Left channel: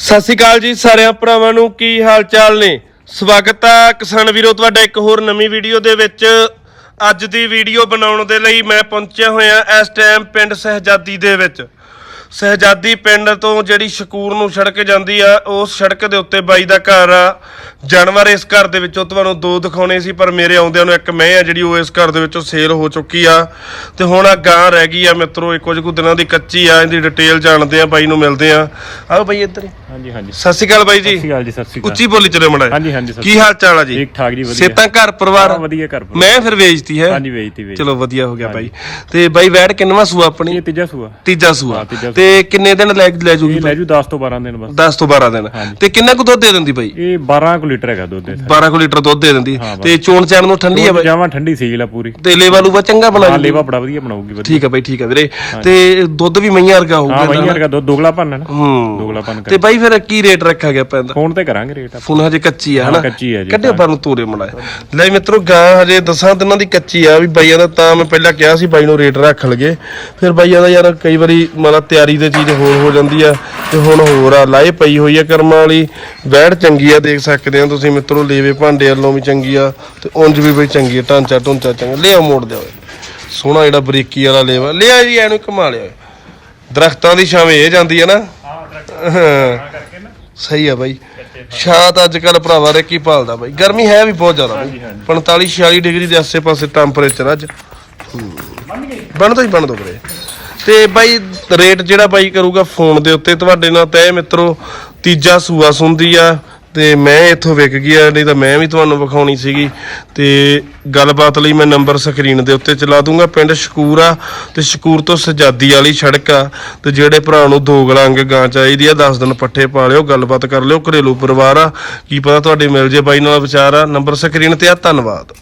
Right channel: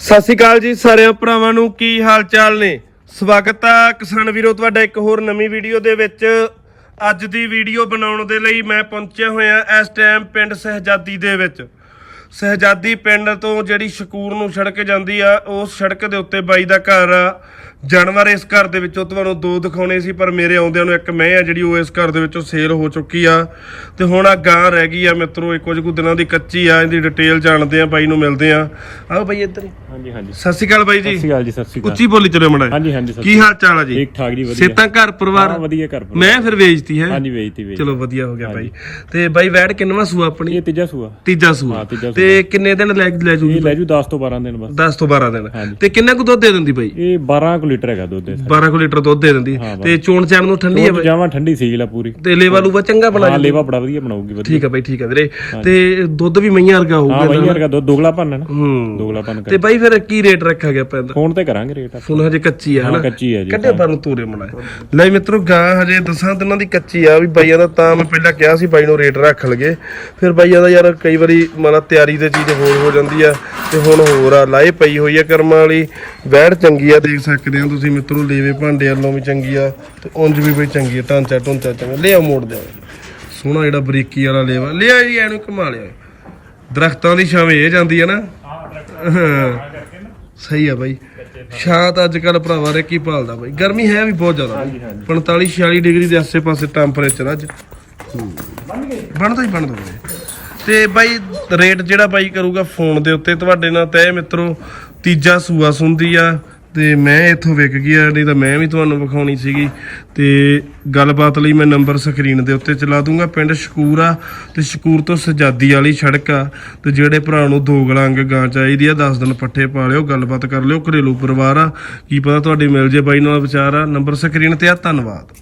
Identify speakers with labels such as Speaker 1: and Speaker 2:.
Speaker 1: ਸਤਿ ਸ਼੍ਰੀ ਅਕਾਲ ਜੀ ਸਾਰਿਆਂ ਭਰਾਵਾਂ ਨੂੰ, ਕੀ ਹਾਲ ਚਾਲ ਨੇ? ਸਵਾਗਤ ਆ ਕਿਸਾਨ ਵੀਰੋ, ਤੁਹਾਡਾ ਇੱਕ ਹੋਰ ਨਵੀਂ ਵੀਡੀਓ ਦੇ ਵਿੱਚ। ਅੱਜ ਦੀ ਵੀਡੀਓ ਬਣਾਉਣ ਦੇ ਲਈ ਮੈਂ ਪਹੁੰਚਿਆ ਹੋਇਆ ਇਸ ਟਾਈਮ ਪਿੰਡ ਸਹਿਜਾਦੀ ਦੇ ਵਿੱਚ। ਸਹਿਜਾਦੀ ਪਿੰਡ ਤੋਂ ਜਿਹੜੀ ਸ਼ਕੂਰ ਨੂੰ ਸੜਕ ਜਾਂਦੀ ਆ ਉਸ ਸੜਕ ਦੇ ਉੱਤੇ ਬਾਈ ਦਾ ਘਰ ਆ। ਜਾਨਵਰ ਇਸ ਘਰ ਦੇ ਵਿੱਚੋਂ ਤੁਹਾਨੂੰ ਦੋ ਦਿਖਾਉਣੇ ਸੀ, ਪਰ ਮੇਰੇ ਆਉਂਦਿਆਂ ਨੂੰ ਇੱਕ ਮੈਂ ਆ ਜਿਹੜੀ ਉਹ ਇਸ ਘਰ ਦੇ ਵਿੱਚੋਂ ਸੇਲ ਹੋ ਚੁੱਕੀ ਆ। ਤੇ ਹੁਣ ਆ ਗਾਂ ਰਹਿ ਗਈ ਆ ਮਿੱਤਰੋ ਇਹ ਕੁਝ ਕੁ ਦਿਨਾਂ ਦੀ ਕੱਚੀ ਆ, ਇਹਦੀ ਡਿਟੇਲ ਜਾਣਦੇ ਆ, ਬਾਈ ਨੂੰ ਮਿਲਦੇ ਆ। ਆਓ ਬਾਈ ਇੱਧਰ।
Speaker 2: ਹਾਂਜੀ ਹਾਂਜੀ।
Speaker 1: ਸਤਿ ਸ਼੍ਰੀ ਅਕਾਲ ਬਾਈ
Speaker 2: ਸਤਿ ਸ਼੍ਰੀ
Speaker 1: ਜੀ
Speaker 2: ਅਕਾਲ ਜੀ ਸਤਿ ਸ਼੍ਰੀ ਅਕਾਲ।
Speaker 1: ਉੱਚੀ ਬੋਲੀ ਚਲੇ ਮੜਾ
Speaker 2: ਹਾਂਜੀ, ਹਾਂਜੀ, ਸਤਿ
Speaker 1: ਕੀ ਹਾਲ ਚਾਲ ਆ ਜੀ?
Speaker 2: ਠੀਕ ਠਾਕ ਜੀ ਵਧੀਆ।
Speaker 1: ਸੇਤਾਂ ਘਰ ਪਰਿਵਾਰ?
Speaker 2: ਹਾਂ, ਵਧੀਆ ਘਰ ਪਰਿਵਾਰ।
Speaker 1: ਮੈਂ ਫਿਰ ਵੇਚਤੀ ਹੈ।
Speaker 2: ਹਾਂਜੀ ਵੇਚਤੀ ਵੇਚ
Speaker 1: ਚਲੋ ਵਧੀਆ ਹੋ ਗਿਆ ਬਾਈ। ਤੇ ਬਾਈ ਵੈੜ ਕਿੰਨਵਾ ਸੂਆ ਆਪਣੀ?
Speaker 2: ਇਹ ਤੀਜਾ ਸੂਆ।
Speaker 1: ਤੀਜਾ ਸੂਆ।
Speaker 2: ਹਾਂ, ਤੀਜਾ
Speaker 1: ਤੇ ਕਿੰਨੇ ਦਿਨ ਲੈ ਲੈ ਜੂਗੀ
Speaker 2: ਇਹ ਲੈ ਜੂ 10 ਤੋਂ 12 ਦਿਨ ਬਸ।
Speaker 1: 10 ਤੋਂ 12 ਦਿਨ।
Speaker 2: ਹਾਂਜੀ।
Speaker 1: ਤੇ ਕਿੰਨਾ ਕੁ ਦੁੱਧ ਦੇ ਦਿੰਦੀ ਬਾਈ?
Speaker 2: ਇਹ 12 ਕੁ ਲੀਟਰ ਹੈਗਾ ਦੁੱਧ ਇਹਦਾ।
Speaker 1: 12 ਕੁ ਲੀਟਰ ਦੁੱਧ ਦੇ ਦਿੰਦੀ।
Speaker 2: ਹਾਂ,
Speaker 1: ਤੇ ਚੋਣ ਚੈਨ ਨੂੰ ਠੰਡੀ ਆ ਬਾਈ?
Speaker 2: ਜਾਵਾਂ ਠੰਡੀ ਸੀਲ ਆ ਪੂਰੀ।
Speaker 1: ਤੇ ਲੇਵਾ ਲੂਵਾ ਚੰਗਾ ਬਣਾ
Speaker 2: ਹਾਂ ਲੇਵਾ ਬੜਾ ਵਧੀਆ ਬਣਾਉਗੀ ਵਧੀਆ।
Speaker 1: ਠੀਕ ਆ ਬਾਈ ਠੀਕ ਆ ਵੀਰੇ। ਤੇ ਦੁੱਧ ਵੀ ਮਈਆਂ ਵਰਗਾ
Speaker 2: ਹਾਂ
Speaker 1: ਹੋਊਗਾ
Speaker 2: ਵਈਆਂ ਵਰਗਾ ਦੁੱਧ ਦੋਗਲਾ ਭੰਨ ਨਾ।
Speaker 1: ਹੂੰ।
Speaker 2: ਦੋਗਲਾ ਭੰਨ
Speaker 1: ਤੇ
Speaker 2: ਕਰ
Speaker 1: ਬਾਈ ਫਿਰ ਕੀ ਰੇਟ ਰੱਖਿਆ ਗਿਆ ਪੈਂਦਾ
Speaker 2: ਫੋਨ ਤੇ ਕਰਾਂਗੇ ਰੇਟ ਆਪਾਂ।
Speaker 1: ਫੋਨ ਹਜੇ ਕੱਚੀ ਆ ਹਨਾ?
Speaker 2: ਕੱਚੀ ਆ ਜੀ।
Speaker 1: ਕੱਢਿਆ ਪਰ ਤੋਰੇ ਮਲਾਇਆ ਲੈ ਮਿੱਤਰੋ ਗਾਂ ਹਜੇ ਦਸਾਂ ਦਿਨਾਂ ਦੀ ਕੱਚੀ ਆ ਵੀ ਬਾਈਆਂ ਦਾ ਤਾਂ ਮੈਂ ਪਹਿਲਾਂ ਕਿਹਾ ਸੀ ਬਾਈ ਨੂੰ ਰੇਟ ਰੱਖ ਲਗੇ ਫਿਰ ਬਾਈਆਂ ਦਾ ਯਾਰ ਕਈ ਵਾਰੀ ਮਤਲਬ ਤਿਆਰੀ ਤੇ ਚੀਜ਼ ਹੋਰ ਹੋ ਜਾਂਦੀ ਆ ਤੇ ਹੁਣ ਹੋਰ ਆ ਲਾਏ ਪਈ ਹੋਈ ਆ ਕਰਮਾਂ ਵਾਲੀ। ਵੈੜ ਚੰਗੀ ਆ ਦੇਖ ਸਕਦੇ ਆ ਤੁਸੀਂ ਮਿੱਤਰੋ ਲੇਵੇ ਭਾਂਡੇ ਵੱਲੋਂ ਵੀ ਚੰਗੀ ਆ ਤੇ ਉਂਝ ਵੀ ਬਈ ਚੰਗੀ ਆ ਢਾਂਚਾ ਢੁੰਚਾ ਚੰਗਾ। ਲਿਆ ਮੋੜ ਦਿਓ। ਸੋਹਣਾ ਜਿਹੜਾ ਬਰੀਕੀ ਵਾਲਾ ਲੇਵਾ। ਲਿਆ ਜੀ ਐਨੂੰ ਕਮਾ ਲਿਆ। ਦਰਖਤਾਂ ਦੀ ਛਾਵੇਂ ਇਹ ਜਾਂਦੀ ਆ ਨਾ। ਹਾਂ।
Speaker 2: ਕਰਕੇ ਨਾ
Speaker 1: ਸਹੀ ਆ ਬਾਈ। ਛਾਂ ਤਾਂ ਅੱਜ ਕੱਲ ਭਰਾਵਾ ਰੇ ਕੀ ਭਾਲਦਾ ਬਾਈ। ਗਰਮੀ ਹੈ ਵੀ ਬਹੁਤ ਜ਼ਿਆਦਾ
Speaker 2: ਹਾਂਜੀ, ਹਾਂਜੀ।
Speaker 1: 45 46 ਡਿਗਰੀ ਦੇ ਆਸੇ-ਪਾਸੇ ਟੈਂਪਰੇਚਰ ਅੱਜ।
Speaker 2: ਬਣ ਗਏ?
Speaker 1: ਬਣ ਤੋਂ ਹੀ ਬਣ ਦੋ ਵੀਰੇ। ਤੇ ਬਾਈ ਰੇਟ ਜਿਹੜਾ ਬਾਈ ਕਰੂਗਾ ਫੋਨ ਦੇ ਉੱਤੇ ਤੁਹਾਡੇ ਨਾਲ ਤੈ ਮਿੱਤਰੋ ਤੀਜਾ ਸੂਆ ਸੁੰਦੀ ਆ। ਤੇ ਮੈਂ ਇੱਥੋਂ ਵਿਕ ਗਿਆ, ਨਹੀਂ ਤਾਂ ਮੈਂ ਵੀ ਤੁਹਾਨੂੰ ਵਿਖਾਉਣੀ ਸੀਗੀ। ਤੇ ਗੱਲਬਾਤ ਲਈ ਮੈਂ ਨੰਬਰ ਸਕਰੀਨ ਦੇ ਉੱਤੇ ਚਲਾ ਦੂੰਗਾ। ਪਿੰਡ ਸ਼ਕੂਰ ਆ, ਤੇ ਸ਼ਕੂਰ ਤੋਂ ਸਜਾਦੀ ਵਾਲੀ ਸੜਕ ਆ। ਤੇ ਜਿਹੜੇ ਭਰਾ ਨੂੰ ਦੋ ਗਲੰਗ ਗਾਂ ਚਾਹੀਦੀ ਆ 10 ਦਿਨ ਪੱਠੇ ਪਾ ਲਿਓ, ਗੱਲਬਾਤ ਕਰ ਲਿਓ। ਘਰੇਲੂ ਪਰਿਵਾਰ ਆ, ਕੀ ਪਤਾ ਤੁਹਾਡੇ ਮਿਲ ਜੇ ਬਾਈ ਨਾਲ ਵਿਚਾਰ ਆ। ਨੰਬਰ ਸਕਰੀਨ ਤੇ ਆ, ਧੰਨਵਾਦ।